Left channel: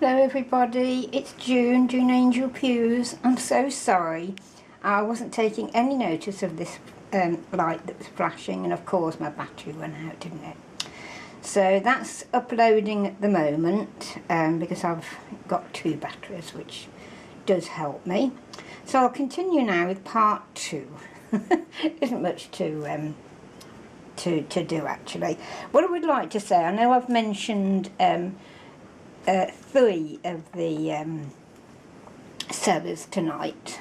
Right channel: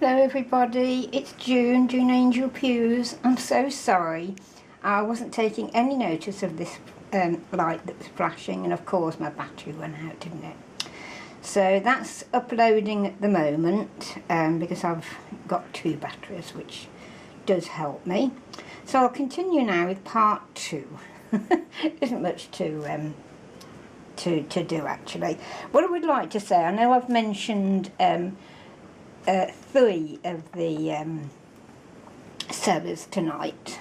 Hello everybody, it's June Angel Pews. I'm so sorry. I wasn't taking any notice of this light that was flashing, and of course my battery went out, didn't it? So that's uploading at the moment because I've got 2 batteries, which does help me. So I'll continue now with part 2. Isn't much to do actually. What I would like to say, I know I've mentioned 3 of the sewers tonight,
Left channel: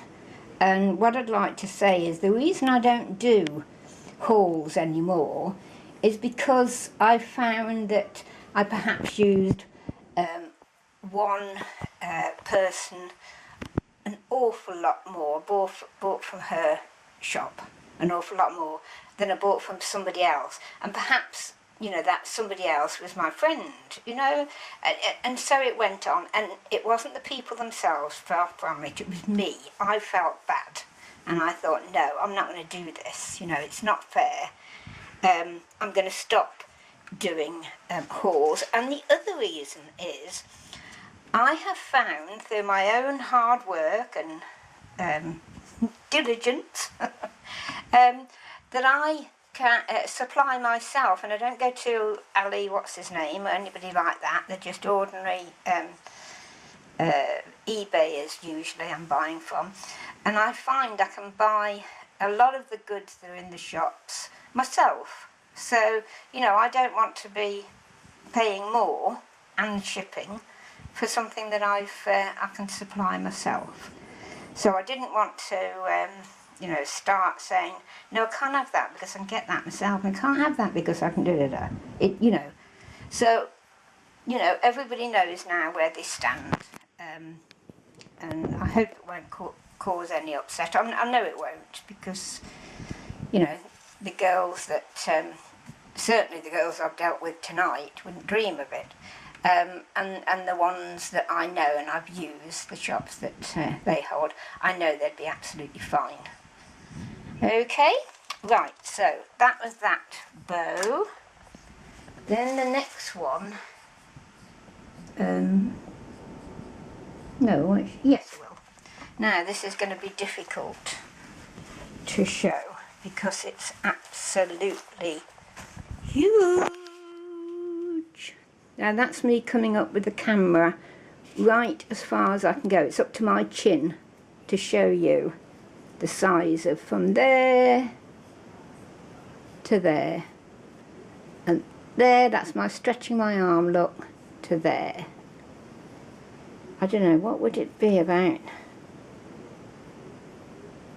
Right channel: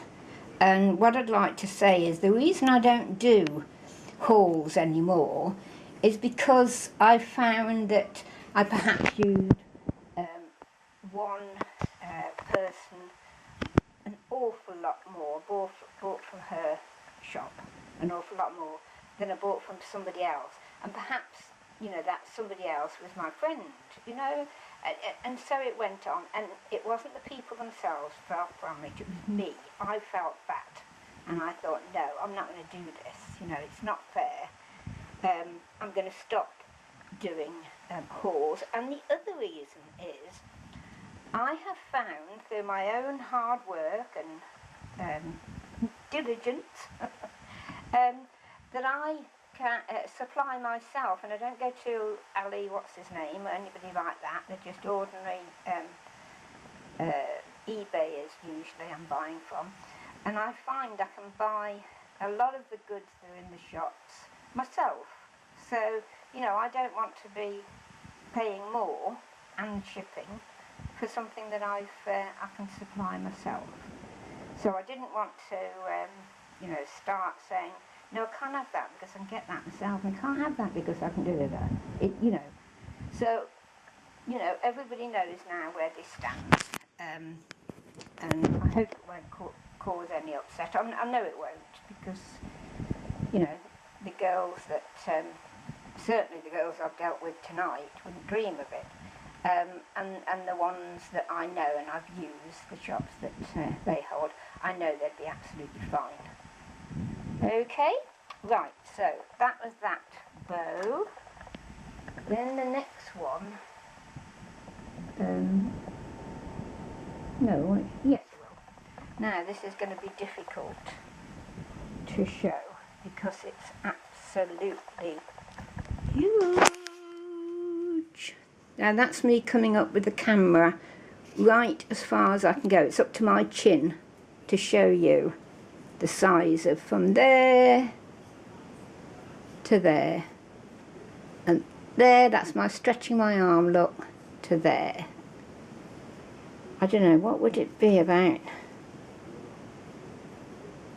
and what I'd like to say is the reason I don't do hauls anymore is because I found that I perhaps used one person an awful lot more, bought from her shop an awful lot more than I bought from somebody else, and perhaps, you know, that somebody else was my friend, you know, and so it went on, and it wasn't the people themselves, far from it, it was me. I felt bad, and I thought, no, I'm not going to do this, you know, it's not fair. I'm going to stop doing hauls, and the other reason is I have found through my own hard work and diligence that I can supply myself, and I don't go to Ali, what's his name, or anybody like that. They're just ordinary eBayers usually I'm buying from, and I find I can buy a lot of the goods that are in the shops myself. So, you know, I don't want to be paying more and shipping for something that I can supply myself. So I didn't want to you know, start saying, no, I can't have that because I can get that myself, and I can't have that because I can do it, you know. So, you know, everybody knows now where this stands, and I hope it won't cause any upset. I know it won't, because, you know, the girls that, certainly the girls I've dealt with tonight wouldn't dream of it. And the ones that I know and I've used, the shops that they hold, I know they'd be absolutely fine. Okay, right, so that was that bow. Then the next one, no, yes it will. Now this is going to be difficult to show because it's absolutely huge. Now that's me coming up with the camera right as far as I can go. It's up to my chin to show you the size of from there to there, and there, that's my stretching my arm look, to there. I don't know, what would it be, about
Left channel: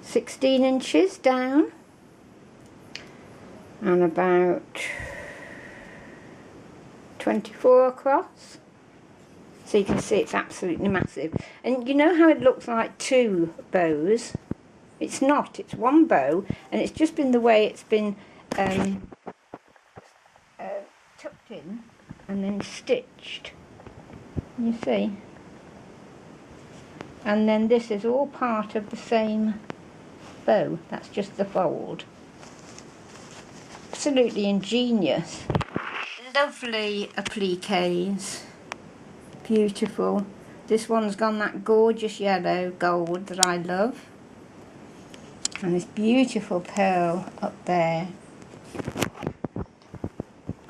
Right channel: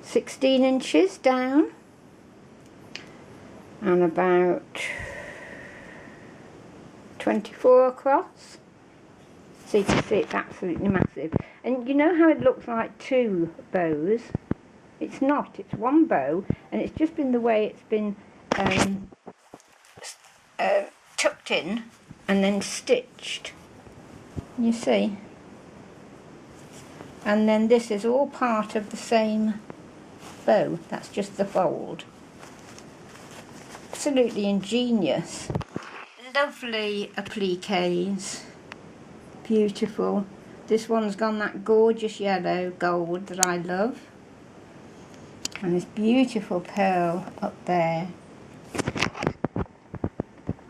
16 inches down and about 24 across. So you can see it's absolutely massive. And you know how it looks like 2 bows? It's not, it's one bow, and it's just been the way it's been tucked in and then stitched, you see. And then this is all part of the same bow, that's just the fold. Absolutely ingenious. Lovely appliques, beautiful. This one's gone that gorgeous yellow gold that I love, and this beautiful pearl up there.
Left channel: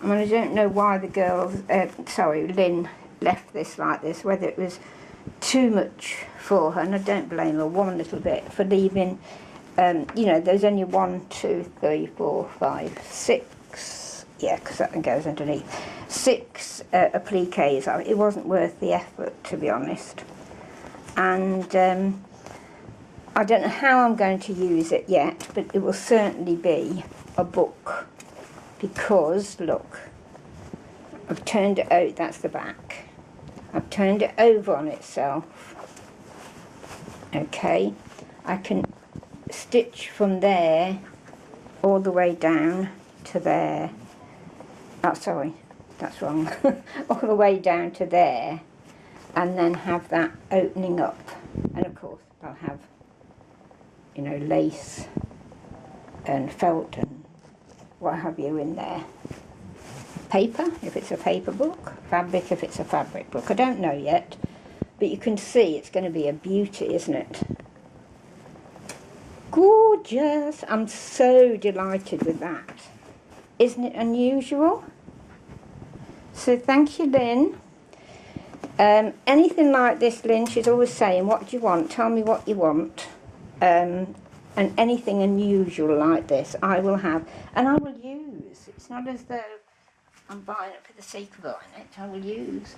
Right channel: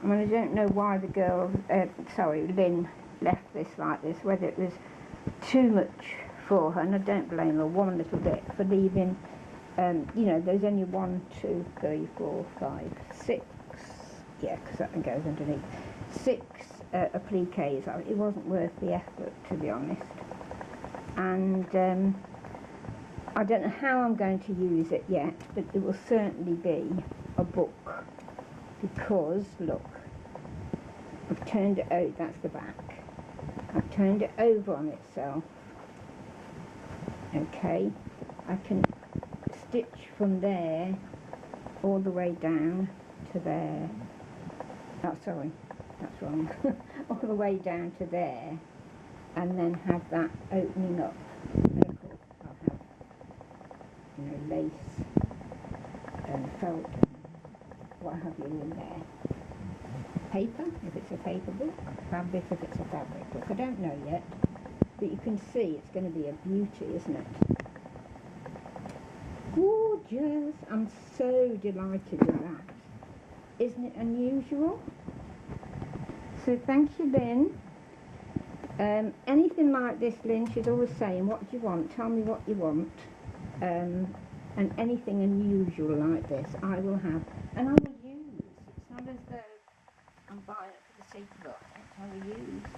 I mean, I don't know why the girls, Lyn left this like this, whether it was too much for her, and I don't blame her one little bit for leaving, you know, there's only 1, 2, 3, 4, 5, 6, yeah, because that one goes underneath, 6 appliques. It wasn't worth the effort, to be honest. And I don't know how I'm going to use it yet, but it will certainly be a book, because look, I've turned it out, that's the back, I've turned it over on itself. Okay, I can stitch from there all the way down to there. Oh, sorry, that's wrong. All the way down to there, and then have that opening up, and of course I'll have, you know, lace and felt and what have you in there, paper, if it's a paper book, fabric, if it's a fabric book. I don't know yet, but you can see it's going to be a beauty, isn't it? Gorgeous! I'm so delighted with that. Isn't it unusual? So thank you, Lyn. Anything like this, Lyn, she's always saying, what do you want? Tell me what you want. And anything unusual like this, I will have. And I will use. It's not as though I'm buying it for the sake of buying it. I will use.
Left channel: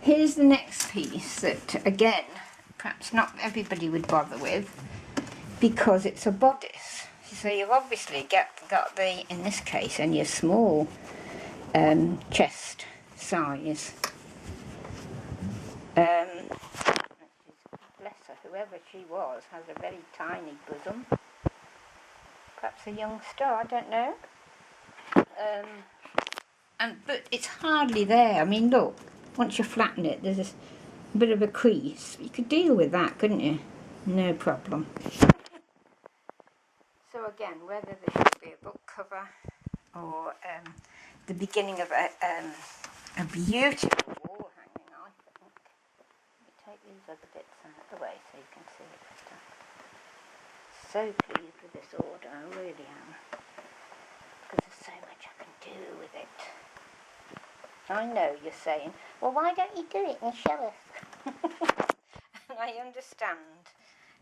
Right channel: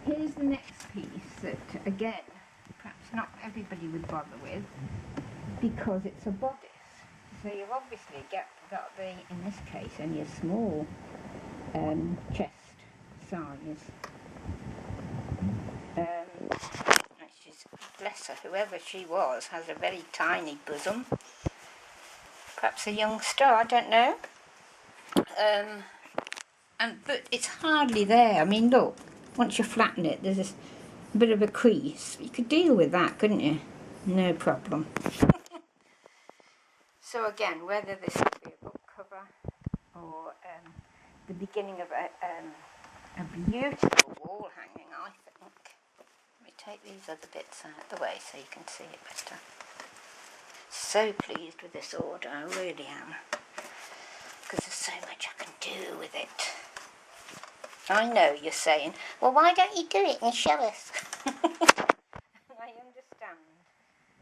Here's the next piece that, again, perhaps not everybody would bother with, because it's a bodice. So you've obviously got the, in this case, and your small chest size. She's, bless her, whoever she was, has a very tiny bosom. Perhaps a youngster, I don't know. But it's hardly there. I mean, look, once you flatten it, there's a bit of a crease. You could deal with that, couldn't you? No problem. So again, whether this could be a book cover or the beginning of a beautiful wall hanging, I think. Let me take these other bits out of the way so you can see it better. So pleased with this order, I really am. Because there's so much I can do with it. I know you're saying, well, why don't you do it and show us? I understand.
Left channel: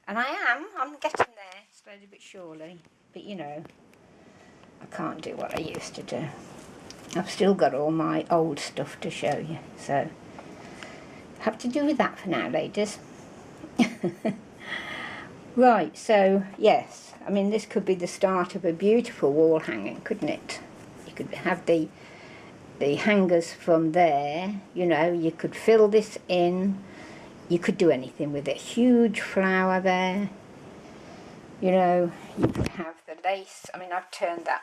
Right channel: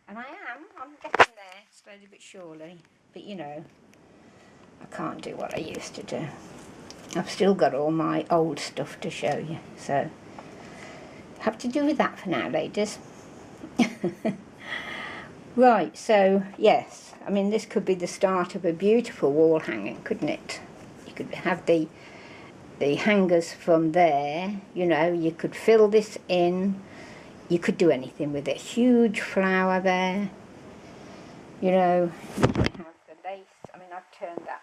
And I'm getting there, slowly but surely. But you know, I can't do what I used to do. I've still got all my old stuff to show you, so have to do with that for now, ladies. Right, so yes, I mean, this could be the start of a beautiful wall hanging, couldn't it? You could have the hangers from there, you know, you could fill this in, you could do anything with it. Huge flower there, you know, you could have the lace. I mean, I've turned that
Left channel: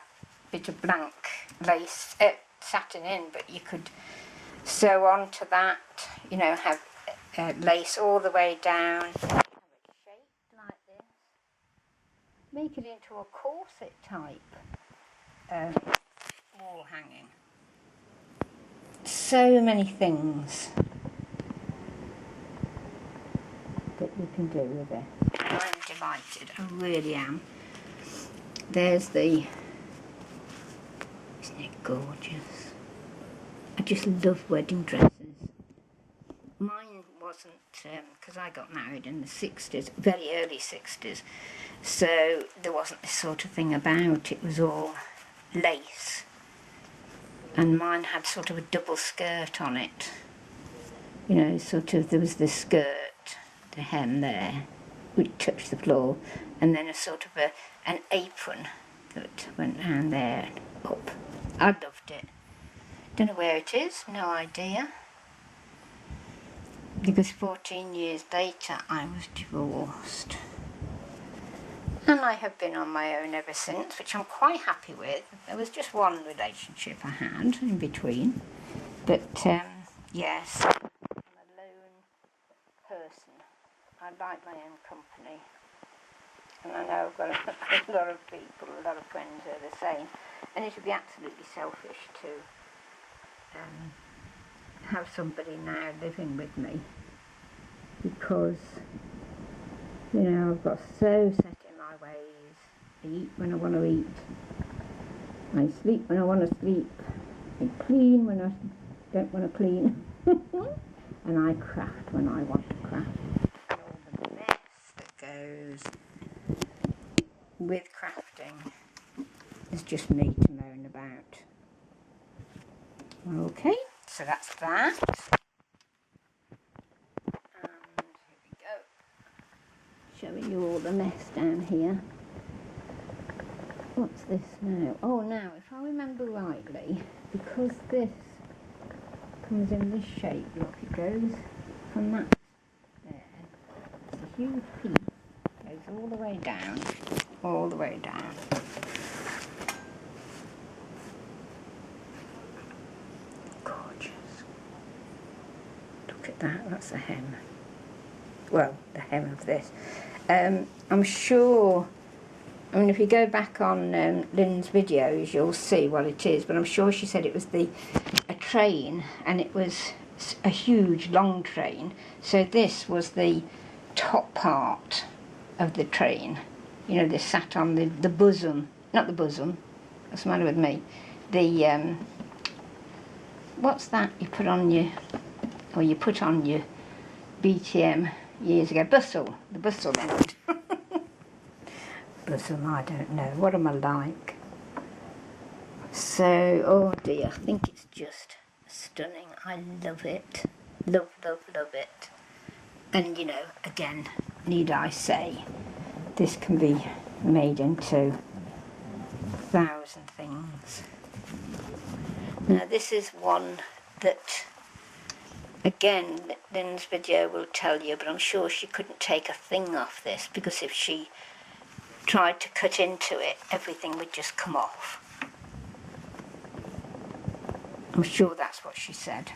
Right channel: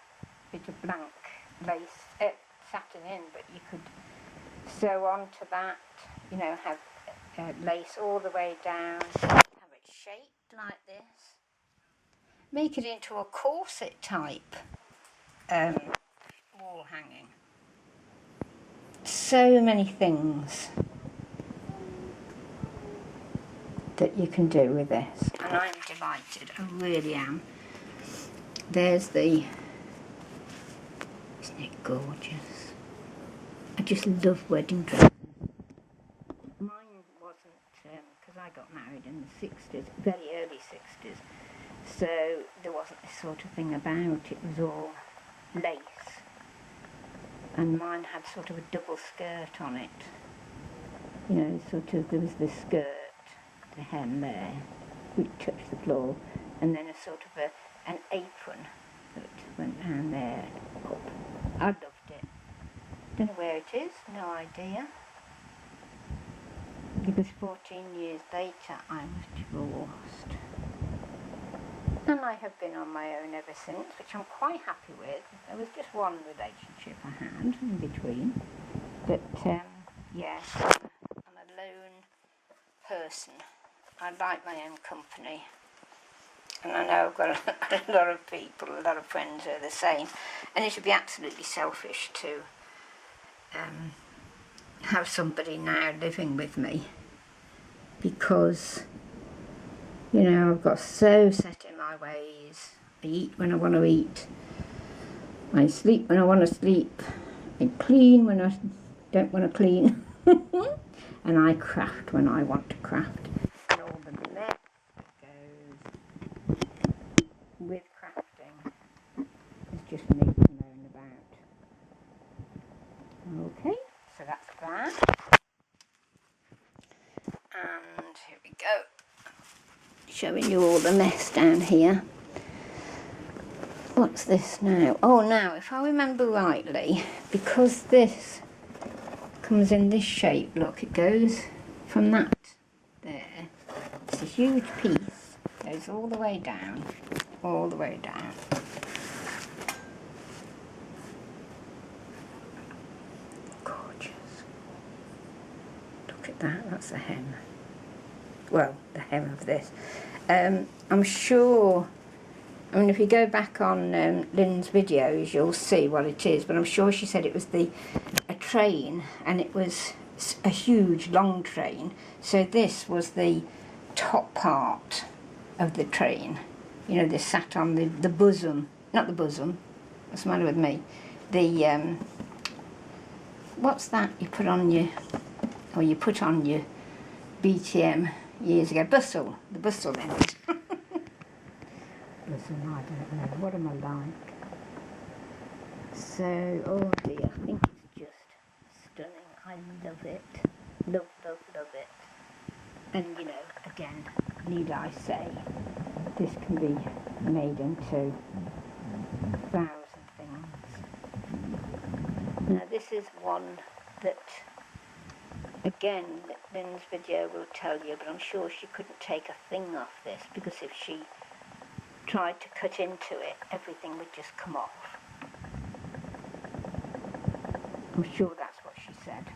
bit of blank lace, satin in, but you could sew onto that, you know, have lace all the way down, have it shaped like this, make it into a corset type wall hanging. So many things that you can do with this. And I'm delighted, I really am. There's the, isn't it gorgeous? I just love wedding dresses. Mine wasn't, because I got married in the 60s, very early 60s, so there wasn't this sort of thing about. It was all lace. And mine had sort of a double skirt on it. You know, sort of, there was the skirt, the hem there, which touched the floor, and then a sort of an apron that went down there and up. I loved it. Don't know where it is, no idea. Because 14 years later I was divorced. And I have been on my own ever since, which I'm quite happy with. There was just one relationship I had in between. But, yes, I'm a lone person. I like my own company. And I know I've got a lot of people, a lot of friends who are the same. And it would be absolutely selfish to have somebody now living with me. Because, you know, I've got so set in my ways. I eat when I want to eat. I sleep when I want to sleep. I clean when I don't want to clean. And I craft when I want to craft. And all the mess that goes with crafting is just me to moan about. Okay, so that's that. And here we go. Showing you all the mess down here. What's this now? Oh, now, if I remember rightly, because this comes in this shape, look, it goes from that there. It's a huge piece. Goes all the way down. All the way down. Gorgeous. Look at that, that's the hem. Well, the hem of this. I'm sure I mean, if you go back on Lyn's videos, you'll see what it is. But I'm sure she said it was a train, and it was a huge, long train. So this was the top part of the train. You know, they sat on the bosom, not the bosom. What's the matter with me? The what's that you put on your, or you put on your BTM years ago? Bustle, the bustle end. Bosom, I don't know. What am I like? So, oh dear, I think it's just stunning. I love it. Love, love, love it. And you know, again, need I say, this can be made into 1,000 things. Now this is one that, again, Lyn's video will tell you, but I'm sure she couldn't take a thing off this, because if she tried to cut into it, everything would just come off. I'm sure that's what she said.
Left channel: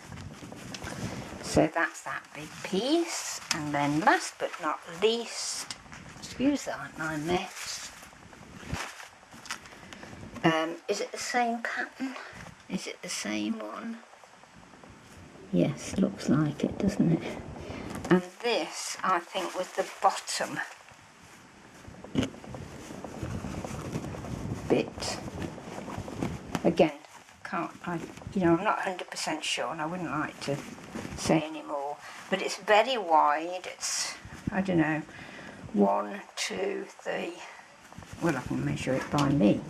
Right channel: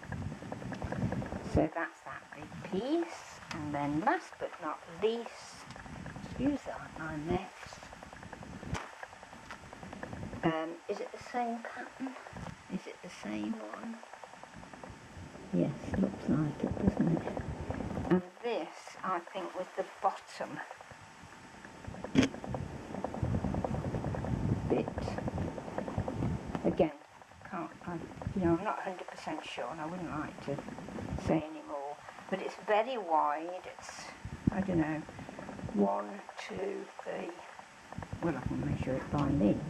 So that's that big piece, and then last but not least, excuse that my mess. Is it the same pattern? Is it the same one? Yes, looks like it, doesn't it? And this, I think, was the bottom bit. Again, I'm not 100% sure, and I wouldn't like to say any more, but it's very wide. It's, I don't know, 1, 2, 3, well, I can measure it by me.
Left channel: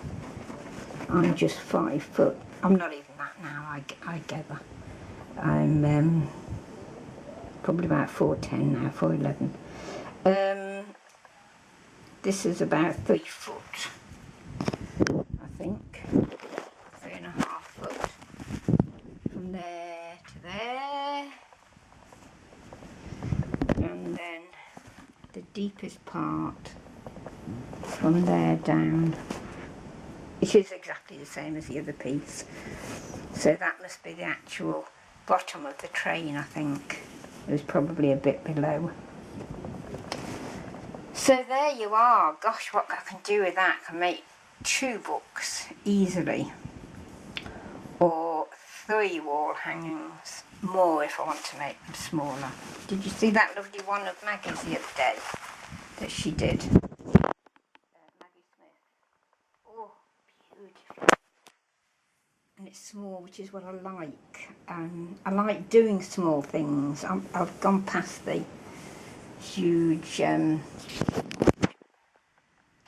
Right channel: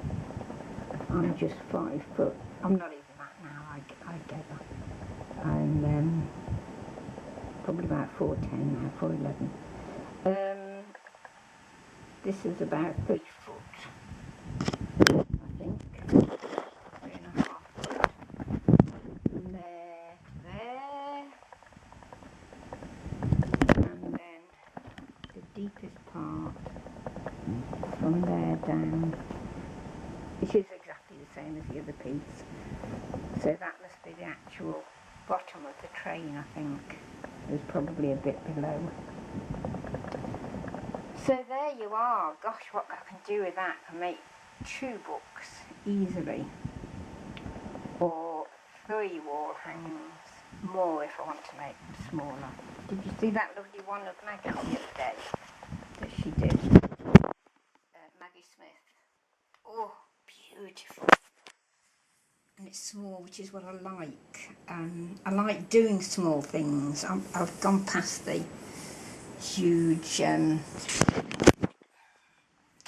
I'm just 5 foot. I'm not even that now, I gather. I'm probably about 4'10" now, 4'11". This is about 3 foot, I think. 3.5 foot. From there to there. And then the deepest part from there down. It is exactly the same as the other piece. So that must be the actual bottom of the train, I think. It was probably a bit below. So there you are. Gosh, what I can do with that. I can make 2 books easily. Or 3 wall hangings. More if I want to make them smaller. Did you see that lovely one of Maggie's the other day that she did? Maggie Smith. Oh, beautiful. And it's small, which is what I like. I like doing small things. I've gone past the huge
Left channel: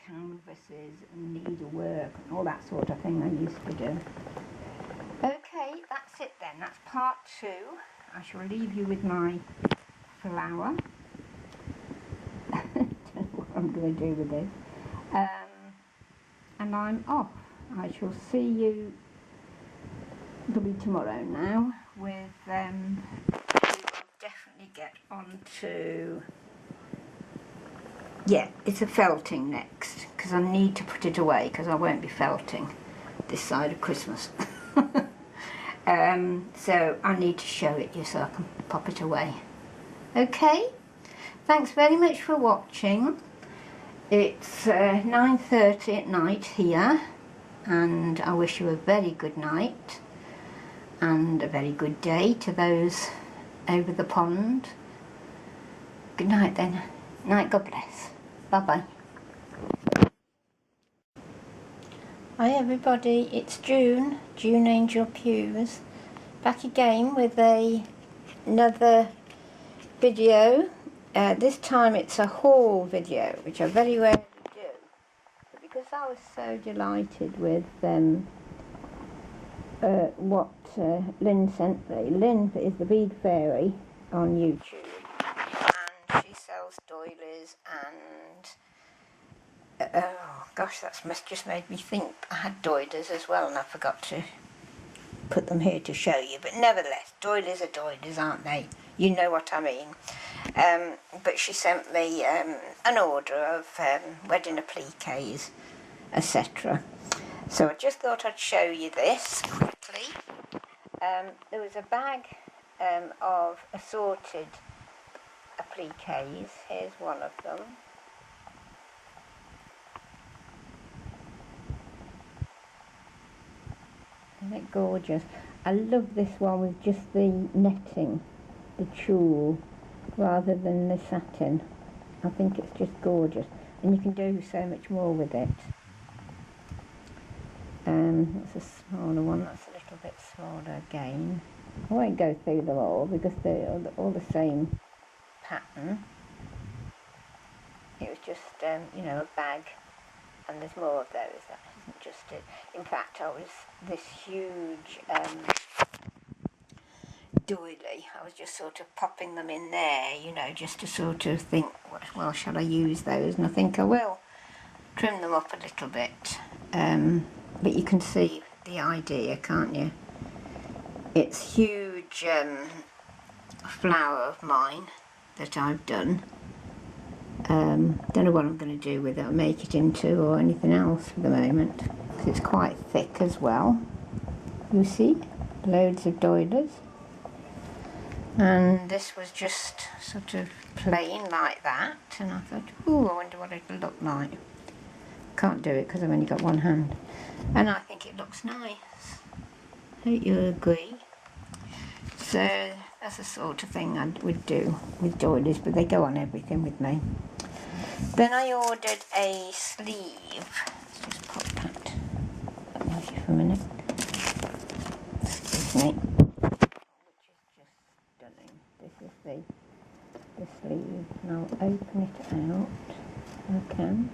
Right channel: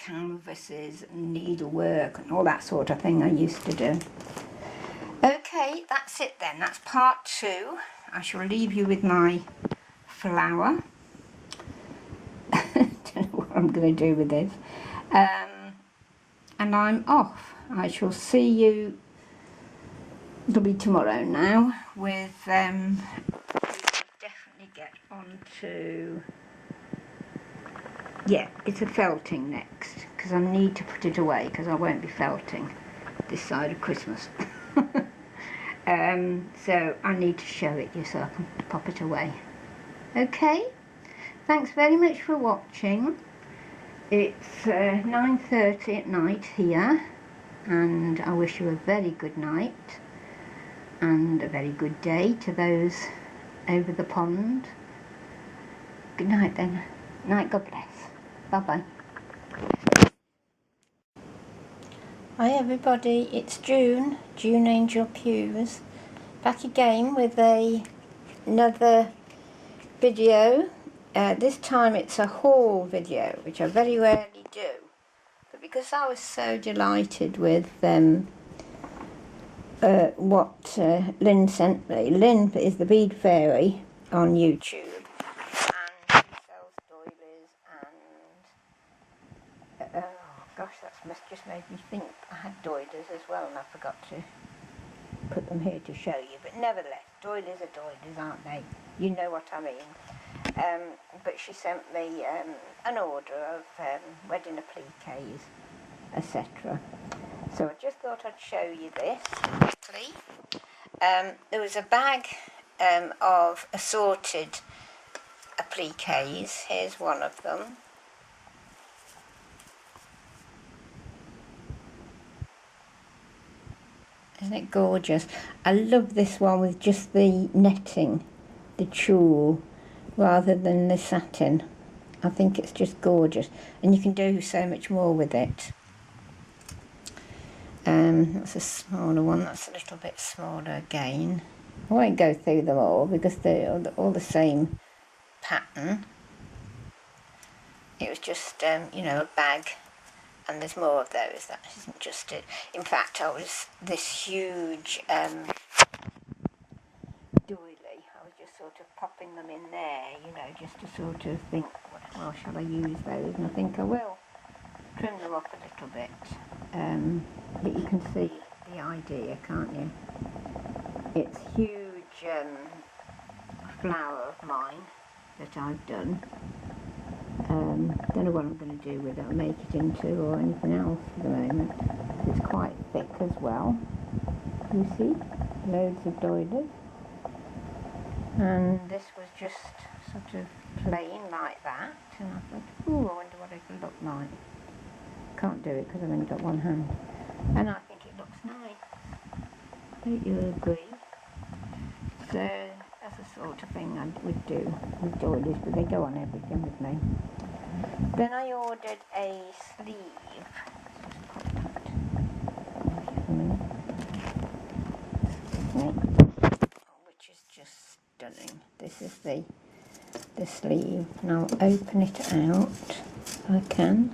canvases and needlework and all that sort of thing I used to do. Okay, that's it then. That's part 2. I shall leave you with my flower. Don't know what I'm going to do with this. And I'm off. I shall see you, it'll be tomorrow now, with, we will definitely get on to, yeah, it's a felting next, because I need to put it away, because I won't be felting this side of Christmas. So I need to show it you so I can pop it away. Okay, thanks very much for watching. It's 9:30 at night here, and I wish you a very good night and a very good day to those over the pond. Good night then. Night, God bless. Bye-bye. Hi everybody, it's June Angel Pews, back again with another video. This time it's a haul video, which I very rarely do. But because I was so delighted with what Lyn sent me. Lyn is the BeadFairy on YouTube, and she sells doilies and oh gosh, that's just made me think I had doilies as well, and I forgot to put them here to show you. But nevertheless, doilies are doilies, aren't they? You know what I mean. But she sent me an order of wedding appliques, etc. So I just thought I'd show you this quickly. There was a bag of assorted appliques. Here's one of them. Isn't it gorgeous? I love this one with just the netting, the tulle, rather than the satin. I think it's just gorgeous, and you can do so much more with it. That's a smaller one, that's a little bit smaller again. I won't go through them all because they're all the same pattern. It was just, you know, a bag, and there's more of those. That isn't just it. In fact, I was this huge doily. I was just sort of popping them in there, you know, just to sort of think, well, shall I use those? And I think I will trim them up a little bit. But you can see the idea, can't you? It's huge flower of mine that I've done. Don't know what I'm going to do with it, or make it into or anything else for the moment, because it's quite thick as well. You see, loads of doilies. And this was just sort of plain like that, and I thought, oh, I wonder what it'll look like. Can't do it because I've only got one hand, and I think it looks nice. Don't you agree? So that's the sort of thing I would do with doilies, but they go on everything with me. Then I ordered a sleeve. Let's just pop that away for a minute. Excuse me. Which is just stunning. This is the sleeve, and I'll open it out if I can.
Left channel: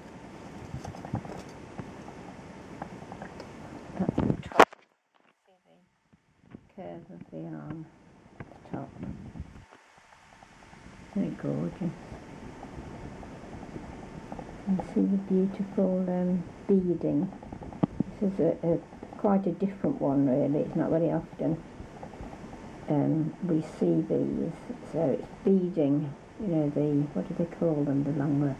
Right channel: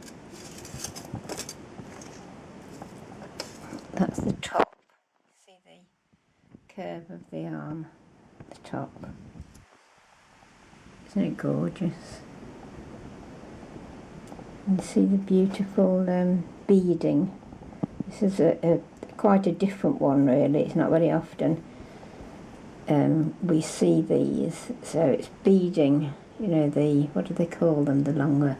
That's the top. See the curve of the arm at the top. Isn't it gorgeous? And see the beautiful beading. This is quite a different one, really. It's not very often we see these. So it's beading, you know, the, what do they call them, the longer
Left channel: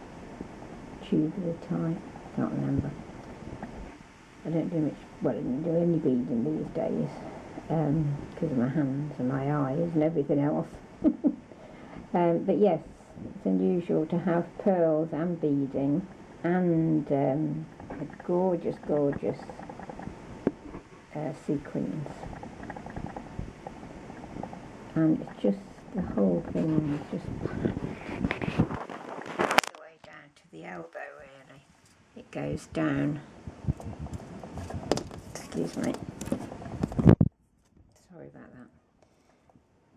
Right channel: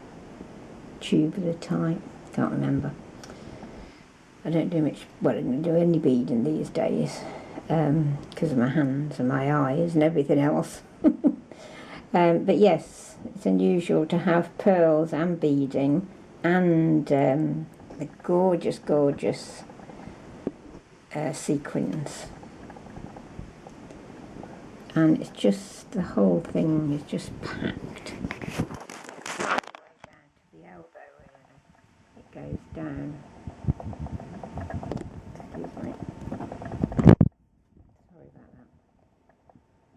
tubular type, can't remember. I don't do much, well, I don't do any beading these days because of my hands and my eyes and everything else. But yes, it's unusual to have pearls and beading and the gorgeous, gorgeous sequins. And it's just, the whole thing is just packed all the way down to the elbow, really. It goes down. Excuse me. Sorry about that.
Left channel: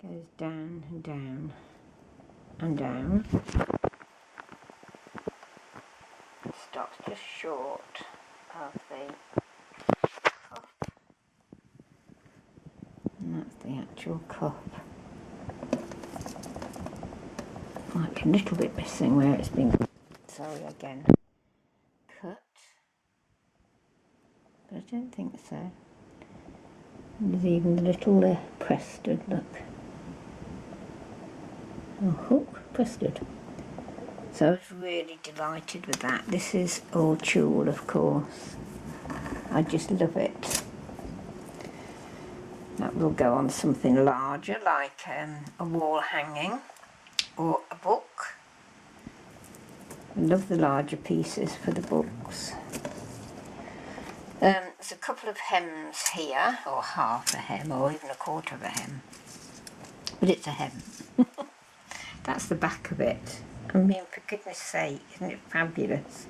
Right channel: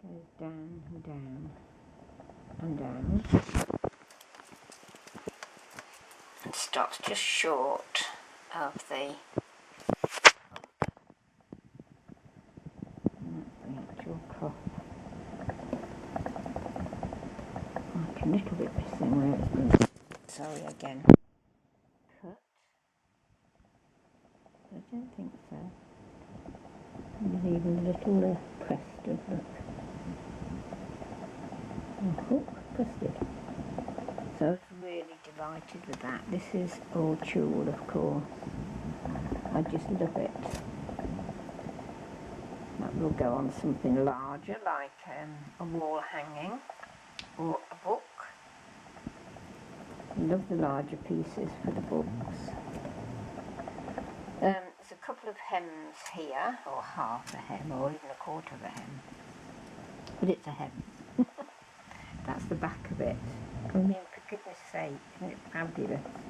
Goes down and down and down. And stops just short of the cup. And that's the actual cup. Like a little bit missing where it's been, sorry again, cut. But I don't think so. There's even a little Prested, look. Oh, hook, Prested. So I was really delighted with that. This is all tulle, of course. I just love it. That will go on something larger, like a wall hanging or a book. I love the larger pieces for the books. There's a couple of hems here, or half a hem, or even a quarter of a hem. But it's a hem. That's the back of it. I mean, for goodness sake, isn't it fabulous?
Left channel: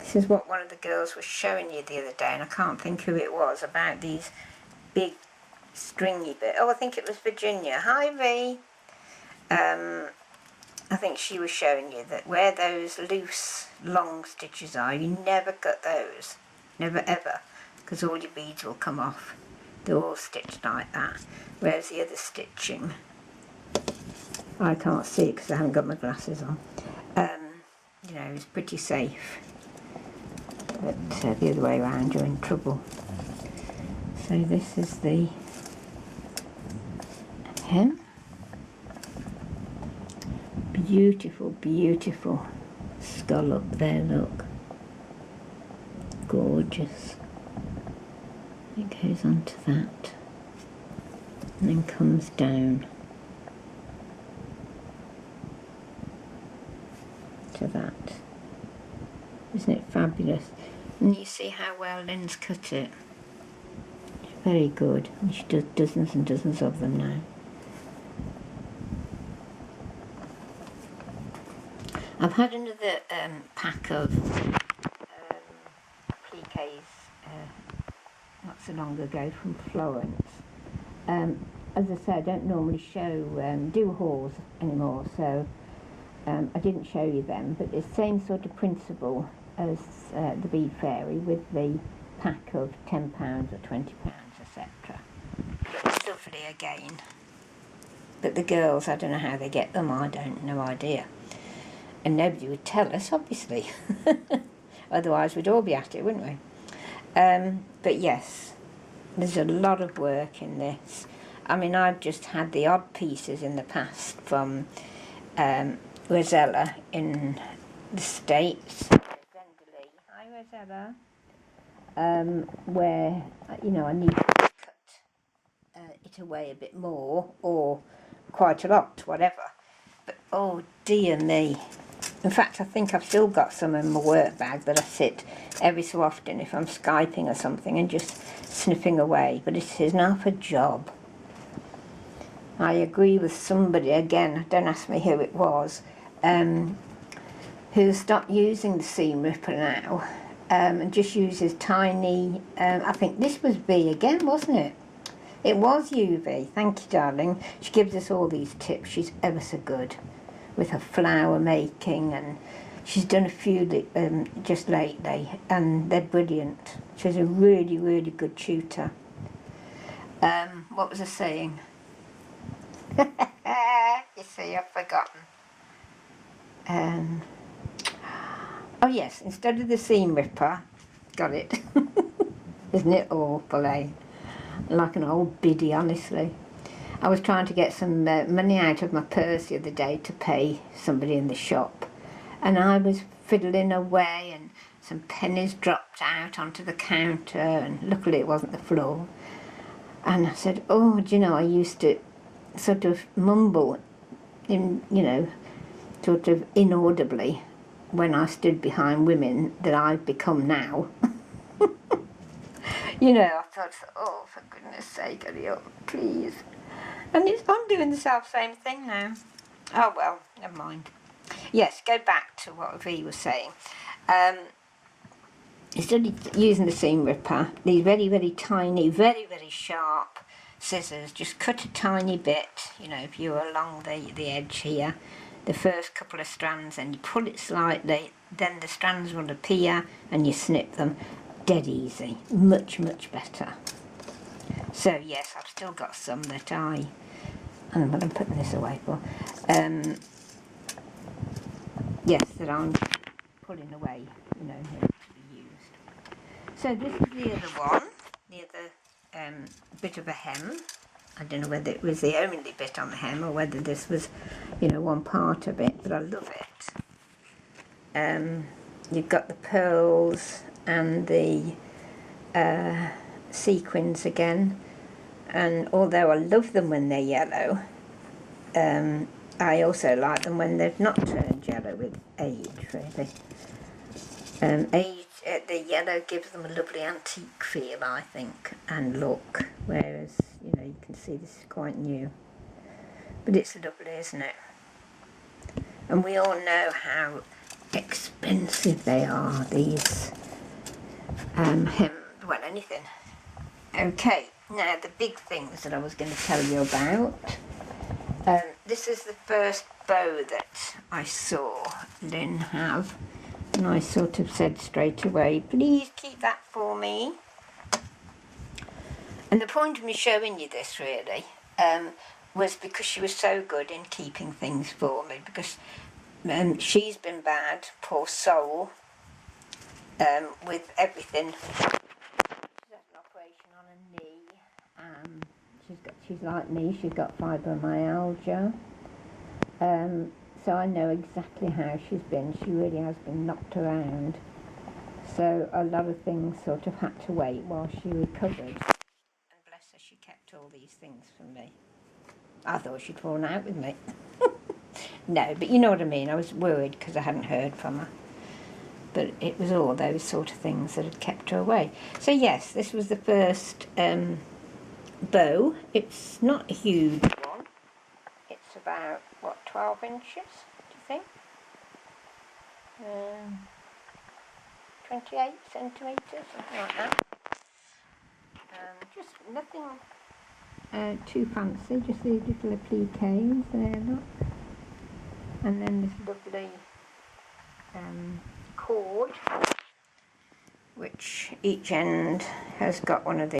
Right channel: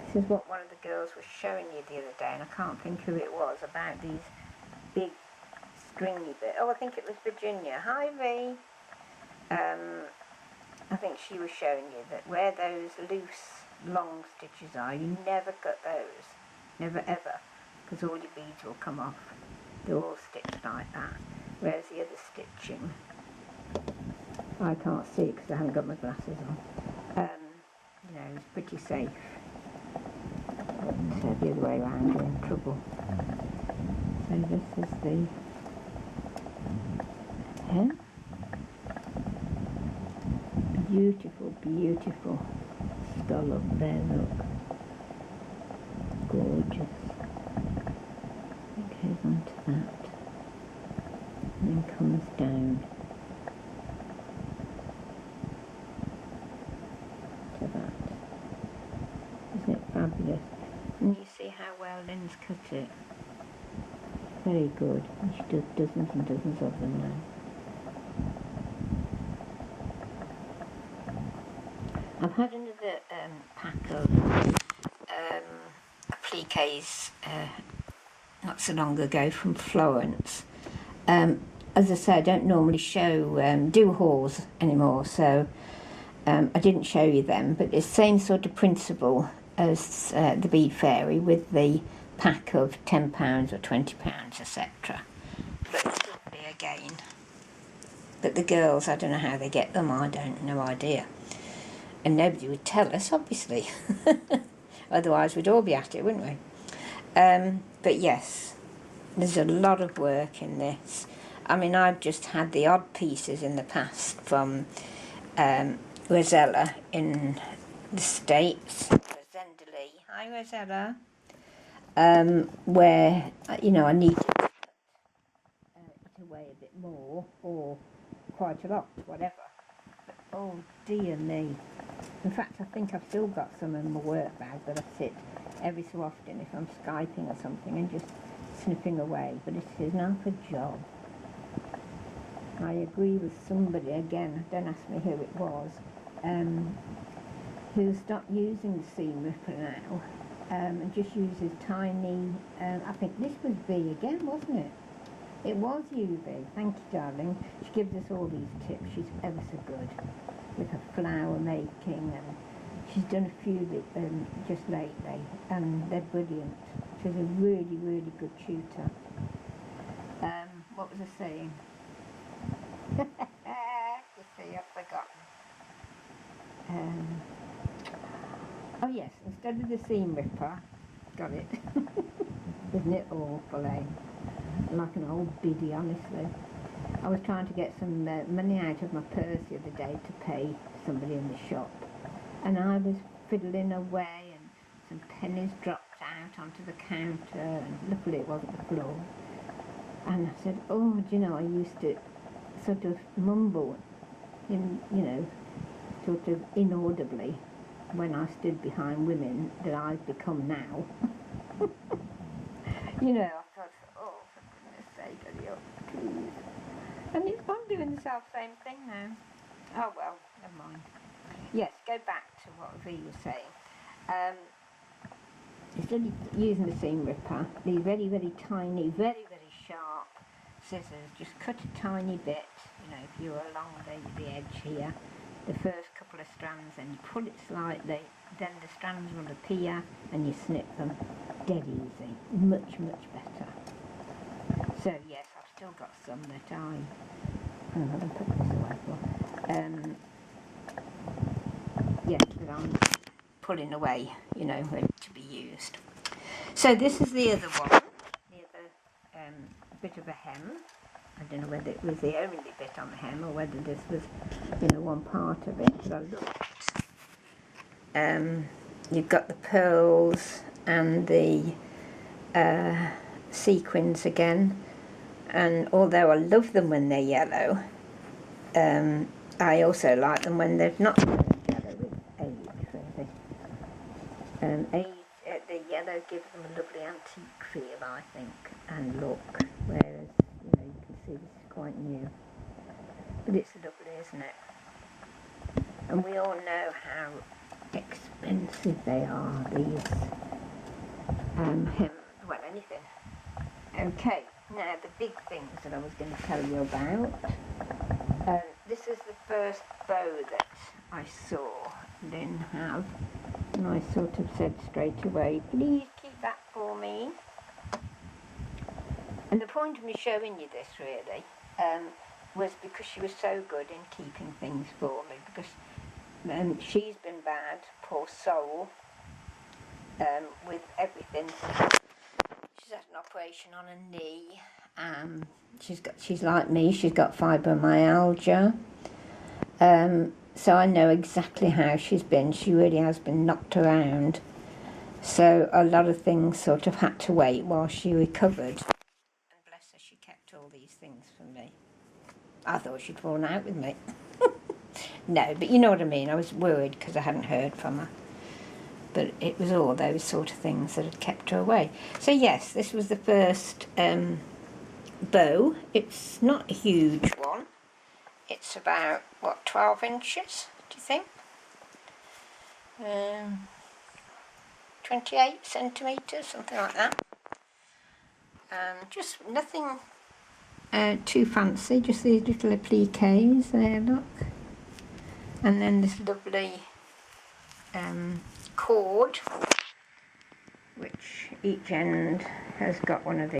This is what one of the girls was showing you the other day, and I can't think who it was, about these big stringy bits. Oh, I think it was Virginia. Hi, V. I think she was showing you that where those loose, long stitches are, you never cut those. Never ever. Because all your beads will come off. They're all stitched like that. Whereas the other stitching, I can't see it because I haven't got my glasses on. You know, it's pretty safe. But the other way around, you're in trouble. So this is the hem. Beautiful, beautiful scallop there, look. Gorgeous. It goes on to that and then comes down to that. Isn't it fabulous? And you see how well Lyn's cut it. Very good. And she does dozens and dozens of them now. I've had another pack of appliques not so long ago from Florence. As I say, I don't normally do hauls anymore, so I didn't show you them, but it's the same sort of principle as the Bead Fairy, with the pack of £10 or £20, etc. But lovely again. But the girls, I don't know how they get them, no idea. And nobody would tell us, obviously. Otherwise we'd all be at it, wouldn't we? But yes, there's a lot of work in this. I mean, I've just had the odd pieces in the past from Rosella in the States. Hi Rosella. Where, you know, I need to cut it away a bit more, or quite a lot, whatever. But oh dear me. In fact, I think I've still got some in my work bag that I sit every so often if I'm Skyping or something and just snipping away. But it is enough a job. I agree with somebody, again, don't ask me who it was, who stopped using the seam ripper now and just uses tiny, I think this was V again, wasn't it? It was UV, thank you darling. She gives us all these tips, she's ever so good with her flower making, and she's done a few just lately and they're brilliant. She's a really, really good tutor. What was I saying? You see, I've forgotten. Oh yes, instead of the seam ripper, got it. Isn't it awful, eh? Like an old biddy, honestly. I was trying to get some money out of my purse the other day to pay somebody in the shop, and I was fiddling away and some pennies dropped out onto the counter, and luckily it wasn't the floor. And I said, oh, do you know, I used to sort of mumble in, you know, sort of inaudibly when I stood behind women that I've become now. You know, I thought, oh, for goodness sake, hurry up, please. And I'm doing the same thing now. Oh well, never mind. Yes, go back to what V was saying. Instead of using the seam ripper, these very, very tiny, very, very sharp scissors, just cut a tiny bit, you know, if you're along the edge here, the first couple of strands, and you pull it slightly, then the strands will appear and you snip them. Dead easy. Much, much better. So yes, I've still got some that I don't know what I'm putting this away for. Yes, that I'm pulling away, you know, ready to be used. So this is the other one, the other bit of a hem. I don't know whether it was the only bit on the hem or whether this was, you know, one part of it, but I love it. You've got the pearls and the sequins again, and although I love them when they're yellow, I also like them when they've not turned yellow with age, really. The yellow gives them a lovely antique feel, I think, and look, whereas, you know, you can see this is quite new. But it's lovely, isn't it? And we all know how expensive they are, these well, anything. Okay, now the big things that I was going to tell you about. This is the first bow that I saw Lyn have, and I sort of said straight away, please keep that for me. And the point of me showing you this really was because she was so good in keeping things for me, because she's been bad, poor soul, with everything. She's had an operation on her knee. She's like me, she's got fibromyalgia. So I know exactly how she's been. She really has been knocked around. So a lot of things sort of had to wait while she recovered. And bless her, she kept all these things from me. I thought she'd fallen out with me. No, but you know what I mean. I was worried because I hadn't heard from her. but it was all those sort of things that had kept her away. So yes, this was the first bow. It's not a huge one. It's about, what, 12 inches, do you think? 28 centimetres, something like that. Just nothing too fancy, just these little appliques there, look. And then this lovely cord, which each end has got one of these.